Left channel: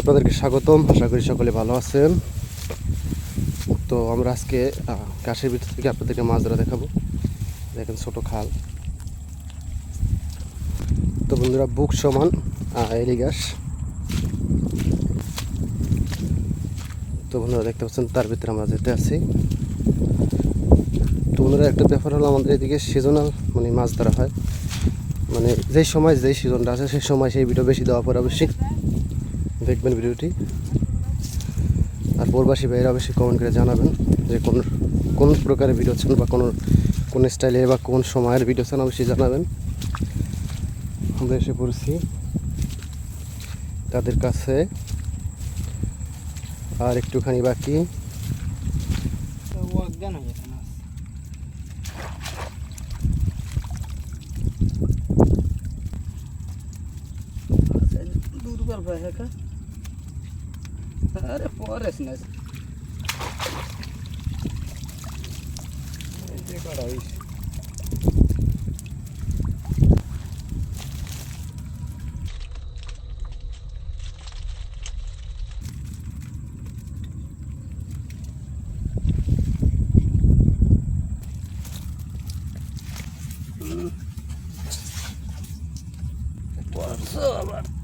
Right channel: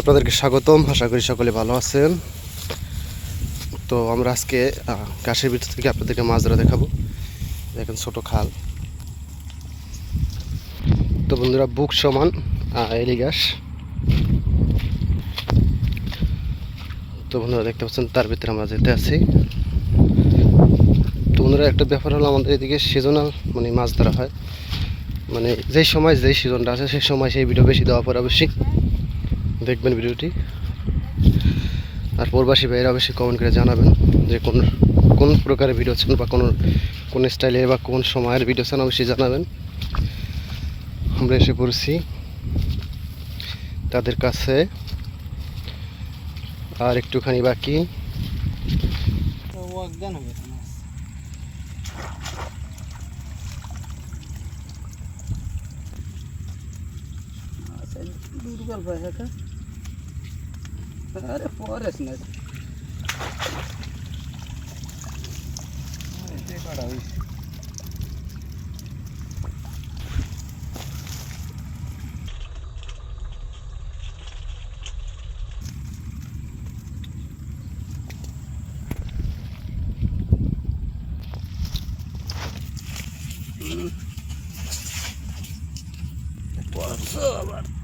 আপনাদেরকে স্বাগতম আশা করি সকলে ভালো আছেন। তো আমরা আজকে ঘাসের ভিতর থেকে আপনাদেরকে মাছ ধরা দেখাবো। দেখেন ছোট খাল। তো বন্ধুরা বুক সমান আহ, এলি ঘাস তো বন্ধুরা দেখতে পাচ্ছেন তার ভিতরে আমরা যেতে আছি। বন্ধুরা, একটা ব্যাপার হলো আমাদের এদিকে সিজনাল মানে মাছ ধরা হয়। মানে যেই সময় যেই সিজনটা আছে, সেই সময় সেই ভিডিও বেশি দেওয়া পরে অবশ্যই। দেখবেন ভিডিওটি আর প্রবাসী ভাইয়েরা অবশ্যই কমেন্ট করে জানাবেন যে কোন কোন প্রকারের ভিডিও চান বা কোন কোন স্টাইলের বা কোন সময়ের ভিডিও চান অবশ্যই জানাবেন। আমরা এসে পড়ছি তাদের কাছে। আর একটুখানি বাকি। जलपाय है क्या? अरे फॉरेस्ट ने Por favor.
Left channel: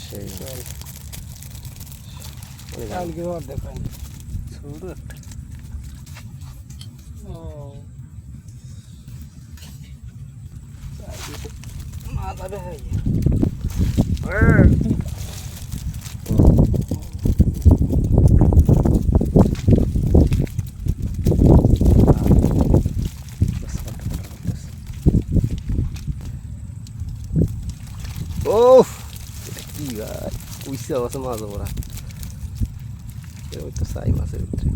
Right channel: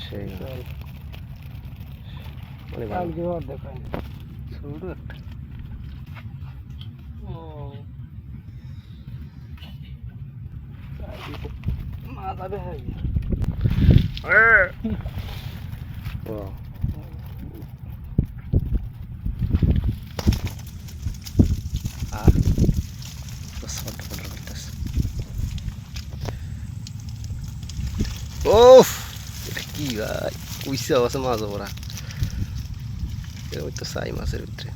সেই অনেক ভালো। কালকে ওর দেখান ছোট একটা মাথা দেখা ও, আহ, বাস, ফটো, ফটো করতেছে। ওফ এটা কি ভাই উইসা আছে মাছ ওরা ওই তো সাই মাছের ভিতরে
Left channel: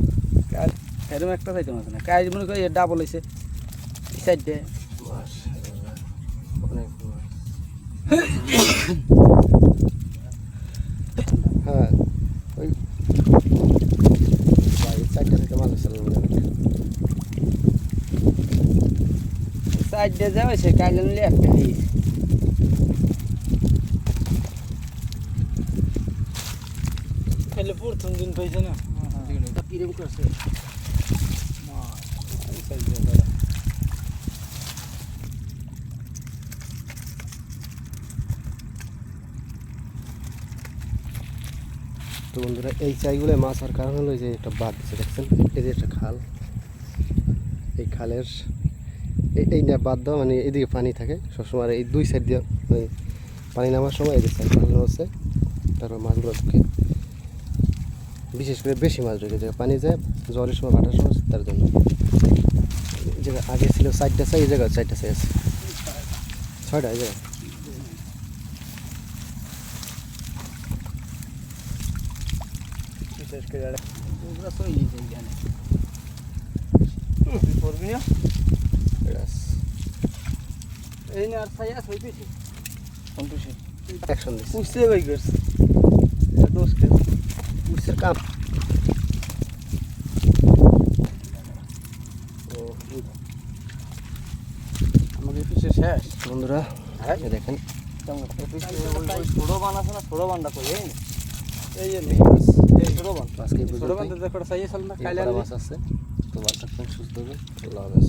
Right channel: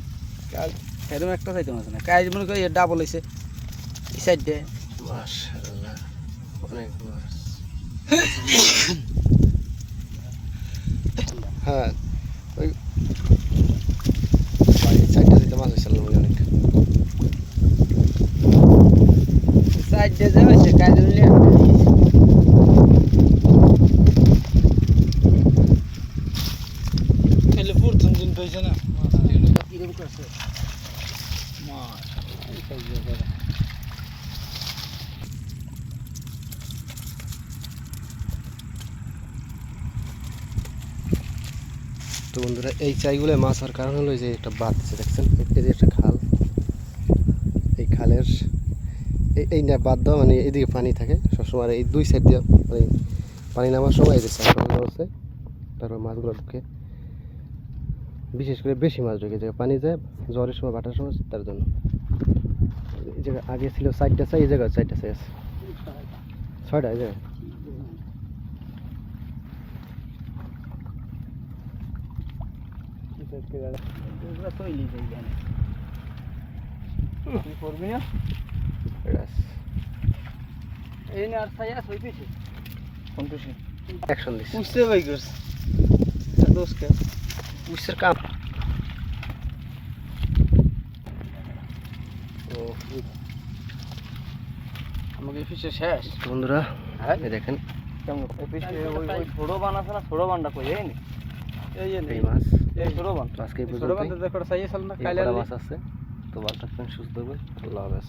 এরকম একটা চাইতে মাছ না কাজ মনে করি ডাবল হয়েছে এই সাইড অনেক মাছ হ্যাঁ ওই চারটা থেকে মাছ হয়েছিল মনে অনেক দিয়ে যাওয়া হয়েছে কাজ নিলে একটা হয়েছে তাহলে প্রথম দিন পাইছে না কিরম করছে তো বন্ধুরা, এই চাইগুলো মাছ হওয়ার কারণ হলো যে একটা বাদ দিচ্ছে দেখছেন? এই যে একটা খাল। এই খালের এই না বাদ দেওয়া মানে এদিকে পানি থাকে। সবসময় এই দুই সাইড দিয়ে মানে পানি নামার সময় এই যে সাইডগুলো আছে, তারপর মাছগুলো ঢুকে বিশেষ করে বেশি মাছ ঢুকে যে পানি যায় জ্বরের সময় ভাটার সময় তার জন্য। এই জায়গায় আগে ছিল চারটা চাই এই জায়গায় চারটা চাই আছে। ছয়টা এই জায়গায়? বিশেষ করে করবি না? এই না আর ছাই আছে ওই কোন অ্যাকশন দিচ্ছে করছে দোষ কে উইসের কাপ ও আমাকে পিছিয়ে শেষ বন্ধুরা হ্যাঁ এই দেখেন কেমন এই পিছিয়ে ওই ওই ছোট বান আছে না ছোট বানটা কই এই নি এই যে এই মাছ এই ছোট বান তো আজকে এই ছোট পর্যন্তই। বানটা দেখো ছাই আছে না এই খাইলে কটা মাছ আছে তো ভালো থাকবেন সুস্থ থাকবেন আল্লাহ হাফেজ